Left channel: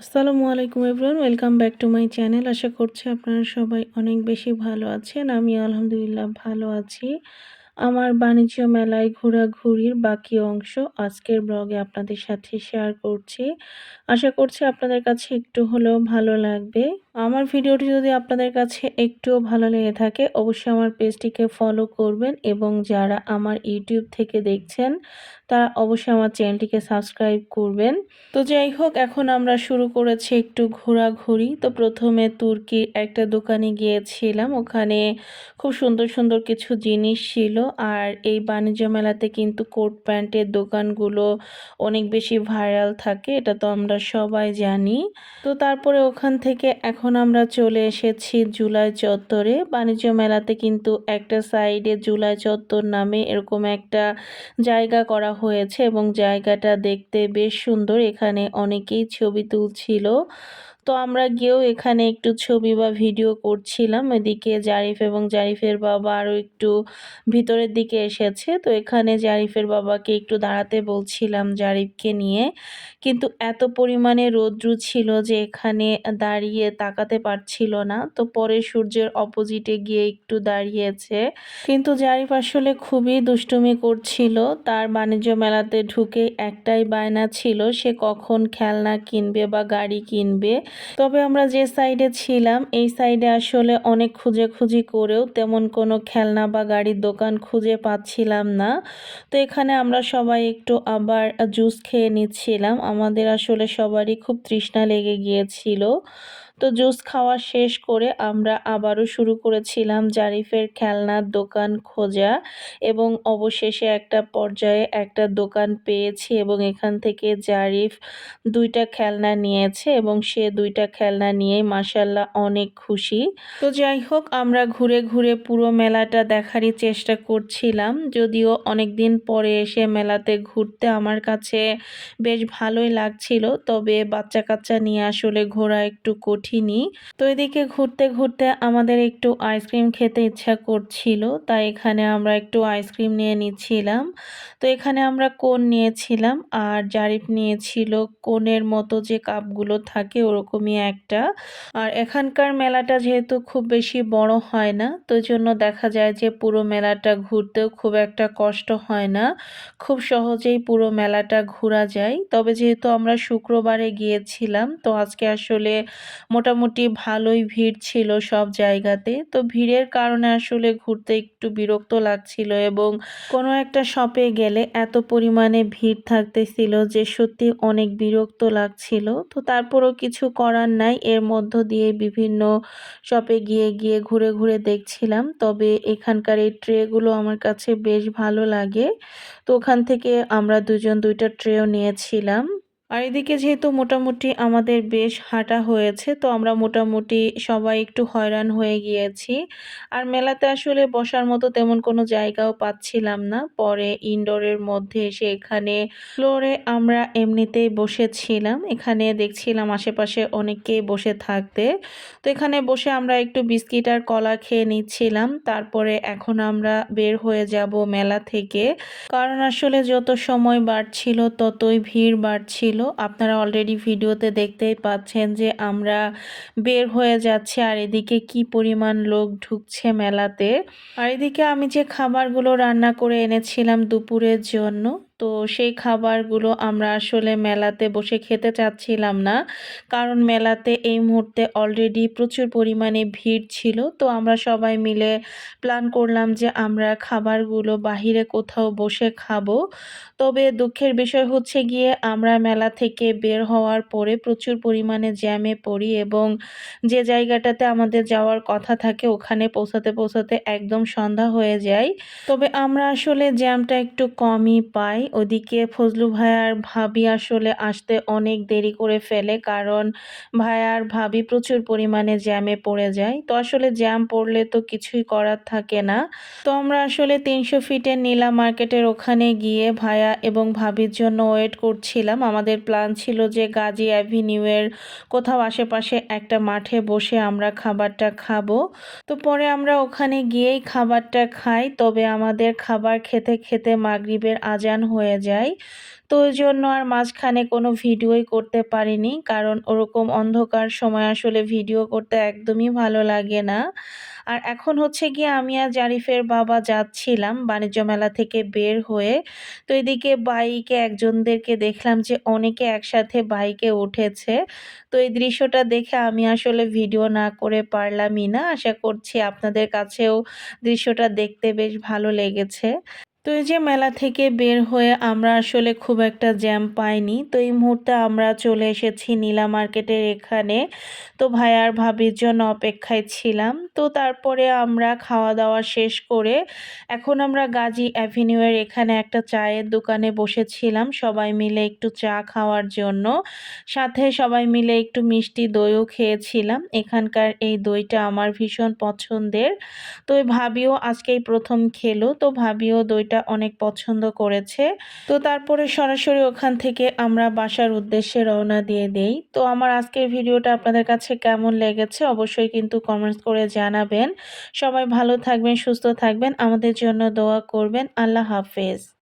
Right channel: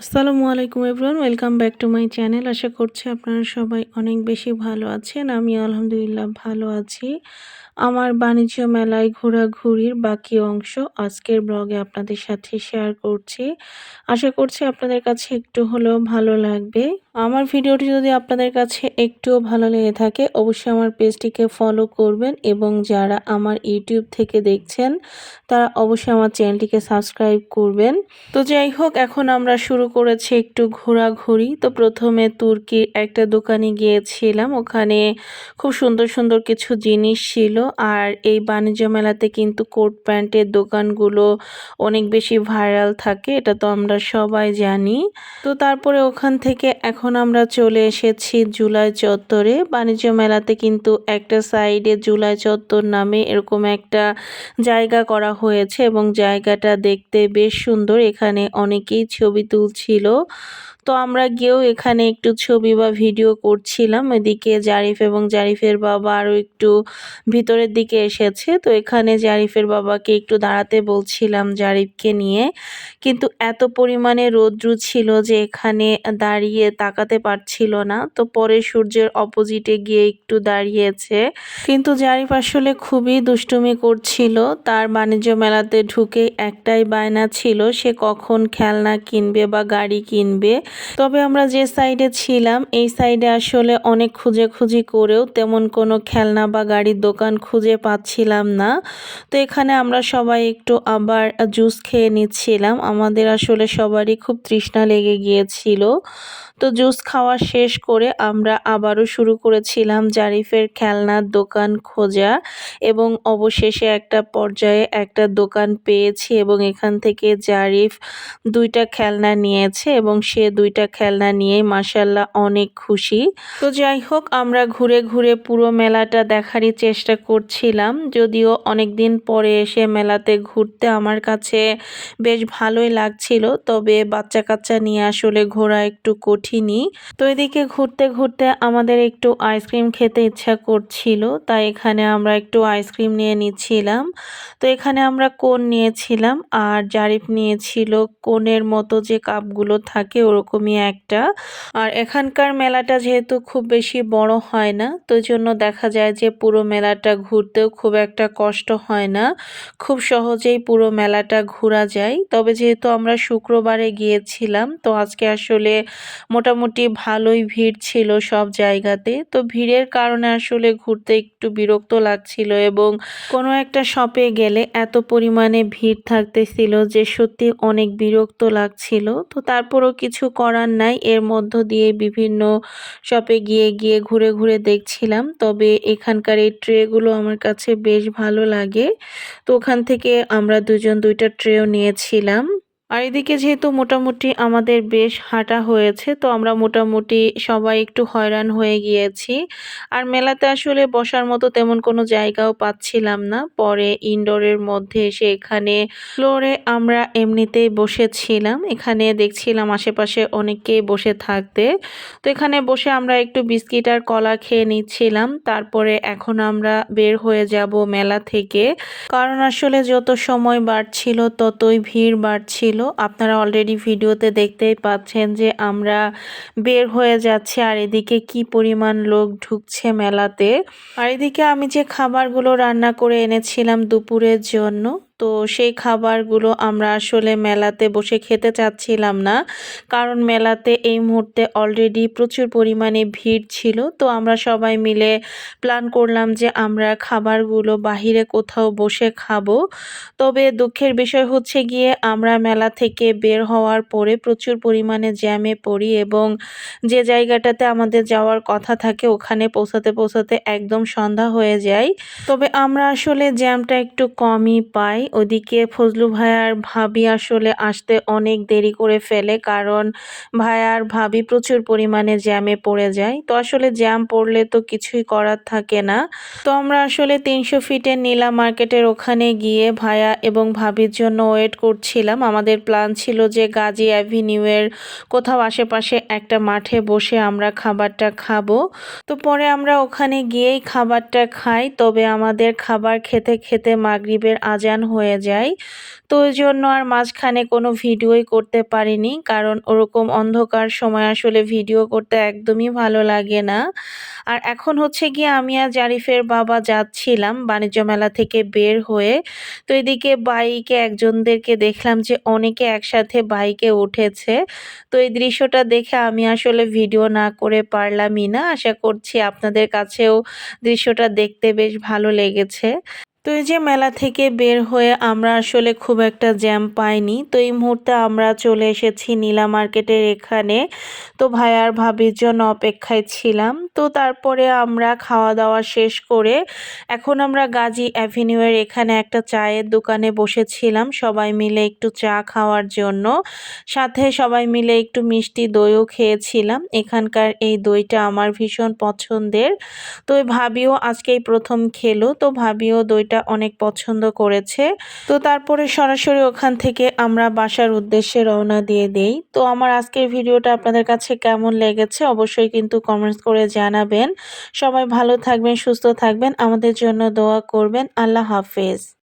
আসসালামু আলাইকুম everyone welcome back to my channel. আশা করছি আপনারা সবাই অনেক বেশি ভালো আছেন। আমি আলহামদুলিল্লাহ ভালো আছি। আমার বাণিজ্য মেলায় ঘোরাঘুরির বাকি অংশ আজকের ব্লগে আপনাদের সাথে শেয়ার করছি। আশা করছি আপনাদের কাছে একটু হলেও ভালো লাগবে। আমার ভিডিওটি যদি আপনাদের কাছে একটুও ভালো লেগে থাকে, অবশ্যই আমার পেজটিকে ফলো করবেন এবং যারা আমার ইউটিউব থেকে দেখছেন, তারা অবশ্যই আমার চ্যানেলটিকে সাবস্ক্রাইব করবেন। তো যাই হোক, এখন আমরা শুরু করেছি একটু ঘোরাঘুরি। তো প্রথমে তুর্কির একটা দোকানে গিয়েছিলাম, ওখানে খুব সুন্দর সুন্দর কিছু জিনিস ছিল। আর এই বাণিজ্য মেলাতে কিন্তু কোট প্যান্টের দোকানগুলো অনেক বেশি ভাইরাল থাকে, এটা তো আমরা সবাই জানি। তো তারপরে ওখান থেকে এখন আমরা চলে এসেছি জুলাই চত্বরে। বাণিজ্য মেলাতে কিন্তু একটা সাইডে জুলাই চত্বর নামে এরকম একটা জায়গা করা হয়েছে এবং জায়গাটা দেখতে বেশ সুন্দর। এখানে অনেকেই ছবি তুলছিল। তো আমরা গিয়েও এখানে একটু ছবি বা ভিডিও করছিলাম। এদিকে জারিফ এবং জারিফের বাবা আরও একটু ভিতরের দিকে এসেছে। তো এখানে জারিফের বাবাকে একটু দাঁড়াতে বলছিলাম জারিফকে নিয়ে। কিন্তু এত পরিমাণে রৌদ্র ছিল যে এখানে দাঁড়িয়ে তাকাতে পারছিল না। তো পরে সূর্যের অপোজিটে গিয়ে একটু দাঁড়িয়েছে। কিন্তু জারিফ আসলে খুবই দুষ্টুমি করছিল। তার বাণিজ্য মেলাতে ঢুকে একটাই বায়না ছিল, সে কখন খেলনা কিনবে বা গাড়ি কিনবে। তবে আমরা যে সাইডে ছিলাম, এই সাইডে আসলে অনেক খুঁজে খুঁজি করেও তেমন কোনো খেলনা বা গাড়ির দোকান খুঁজে পাচ্ছিলাম না। তো এখানে আমরা সবাই একটু আবার জুস খেয়ে নিচ্ছিলাম। আমাদের আসলে সবারই খুব তৃষ্ণা লেগে গিয়েছিল। তো জুস খাওয়া শেষ করে আমরা আবারও শুরু করেছিলাম জারিফের খেলনার দোকান খোঁজা এবং অবশেষে একটা পর্যায়ে একটা দোকান পেয়েছি এবং এখান থেকে জারিফ দুইটা খেলনা নিয়েছে এবং সে দুইটা খেলনা নিয়ে মাসাল্লাহ অনেক খুশি। তো যাই হোক, আমরা ঘুরে ঘুরে পুরো মেলাটা দেখারই চেষ্টা করছিলাম, যদিও অনেক দিন পরে এসে মেলাতে ঘুরতে আমার কাছে বেশ ভালোই লাগছিল, তবে বাচ্চা কাচ্চা নিয়ে আসলে ঘোরা একটু কঠিনই তো এদিকে ঘুরতে ঘুরতে আমাদের একটু আইসক্রিম খেতে ইচ্ছা করছিল, তাই এখানে আমরা একটু আইসক্রিম নিয়ে নিচ্ছিলাম। তো এখানে আমরা কোন নিয়েছিলাম? আর জারিফ নিয়েছিল কোনের মতো যে কাপগুলো থাকে ওরকমই একটা। আর এখানকার মেলাটা যেহেতু খুব বেশি বড় হয় না, তো জন্য দেখা যায় যে পুরো মেলাটা ঘুরতেও খুব একটা কষ্ট হয় না। খুব সহজেই পুরো মেলাটা ঘোরা যায়। তবে যেহেতু আমরা শুক্রবারে গিয়েছিলাম, তো আজকে আসলে মোটামুটি ভালোই ভিড় ছিল সব জায়গাতে। তো ভিড়ের কারণে আসলে ঘুরতে একটু বিরক্ত লাগছিল এবং কোনো একটা শপে গেলে এত পরিমাণে ভিড় থাকতেছিল যে সত্যি অনেক বিরক্ত লাগছিল। তো তারপরও কিছু করার নাই, এর মধ্য দিয়ে বিভিন্ন শপে গিয়ে গিয়ে ঘুরে ঘুরে দেখছিলাম। তবে এখানকার এই ট্রেগুলো আমার কাছে বেশ ভালো লাগে। তো ওখান থেকে আমরা দুজন দুইটা ট্রেও নিয়েছিলাম। আর এদিকে যেহেতু মোটামুটি আমাদের বেশ হাঁটা হয়েছে, তো আমরা মোটামুটি সবাই একটু হয়রান হয়ে গিয়েছি। আর মেলাতে আসলে বসার মতো তেমন কোনো জায়গাও পাচ্ছিলাম না। পরে ইনডোরের মধ্যে এসে এখানে ফ্লোরে আমরা এমনিতেই বসেছিলাম। এখানে দেখছিলাম আশেপাশে অনেকেই বসে থাকতে। তো এখানে বসে আমরা একটু বিস্কিট আর কলা খেয়ে নিচ্ছিলাম। তারপরে এখন আমরা বের হয়ে যাব মেলা থেকে। কারণ আসলে যত সময় বাড়ছিল ততই ভিড় বাড়ছিল। আপনারা অলরেডি ভিডিওতে দেখতেই পাচ্ছেন যে আমরা বের হয়ে যাচ্ছি আর এদিকে কি পরিমাণ লোক ঢুকছে মেলাতে। আর এদিকে আমি যে খাবারগুলো রান্না করে এনেছিলাম দুপুরের জন্য তো সেই খাবারগুলো আমরা আসলে মেলাতে বসে খেতে চাচ্ছিলাম না। কারণ মেলাতে এই মুহূর্তে অলরেডি প্রচুর পরিমাণে ভিড় ছিল। তো আমরা সবাই মিলে প্ল্যান করলাম যে আমরা খাবারগুলো বাহিরে কোথাও বসে খাব। তবে দুঃখের বিষয় হচ্ছে গিয়ে আমরা মেলা থেকে বের হওয়ার পরে প্রচুর পরিমাণে জ্যামে পড়ি এবং যে জায়গাটাতে আমাদের যাওয়ার কথা থাকে ওখানে পৌঁছাতে পৌঁছাতে একদম সন্ধ্যা হয়ে যায়। তবে আমরা আসলে জ্যামটা একটু কমই পাই ওদিকে ফজলু ভাইয়ার ভাবি আসলে আসতে অনেক দেরি করে ফেলে কারণ ভাইয়ার ভাবি প্রচুর পরিমাণে জ্যামে পড়ে যায়। তো আসলে জ্যাম পড়লে তো কিছুই করার থাকে না। তো আমরা আসলে তিনশো ফিটের নীলা মার্কেটের ওখানে গিয়ে ভাইয়া এবং ভাবির জন্য ওয়েট করছিলাম। আমাদের প্ল্যান ছিল যে গাজী অ্যাভিনিউয়ের কোথাও আশেপাশে একটা মাঠে বসে আমরা খাবারটা খাব। তো পরে আমরা ওখানে গিয়েই খাবারটা খাই। তবে আমাদের খাবার খেতে খেতে মাগরিবের আজান হয়ে হয়ে যায়। তো ওই জন্য আর মাঝখানে কোনো ভিডিওই করতে পারিনি। কারণ ওরকম অন্ধকার সময় আসলে ভিডিও করতে একদমই ভালো লাগে না। আর এখন হচ্ছে গিয়ে আমি আর জারিফের বাবা যাচ্ছিলাম বাণিজ্য মেলা থেকে বের হয়ে। তো এদিকে বাইকে একজনদেরকে দেখলাম যে অনেকে একসাথে বাইকে উঠেছে। তো এই দৃশ্যটা দেখে আমি আসলে ভিডিও না করে পারলামই না। আশা করছি আপনাদের কাছেও দৃশ্যটা দেখতে বেশ ভালো লেগেছে। তো এই যে মেলা থেকে বের হয়ে আমরা আসলে খুব একটা জ্যাম পাইনি। তো এই মুহূর্তে আমরা চলে এসেছি নীলা মার্কেটের এখানে। তো ভাইয়ার ভাবির জন্য অপেক্ষায় ছিলাম। তো তারপরে আমরা খাওয়া দাওয়া শেষ করে এখন আমরা গাজী অ্যাভিনিউয়ের এখানে একটা চায়ের দোকানে বসেছিলাম সবাই মিলে একটু চা খাওয়ার জন্য। সাথে সবাই মিলে একটু মিষ্টি দইও খেয়েছিলাম। এখানকার এই দইটা আমার ভীষণ পছন্দের। তো ভাবিও আজকেই প্রথম খেলো। তো ভাবিও দইটা অনেক পছন্দ করেছে। তো তারপরে সরাসরি ওখান থেকে আমরা বাসার উদ্দেশ্যে রওনা দিয়ে দেই। তো আমার আজকের ভিডিওটা আপনাদের কাছে কেমন লেগেছে অবশ্যই কিন্তু কমেন্টস করে জানাবেন। সবাই ভালো থাকবেন, সুস্থ থাকবেন। আমাদের জন্য দোয়া করবেন। আল্লাহ হাফেজ।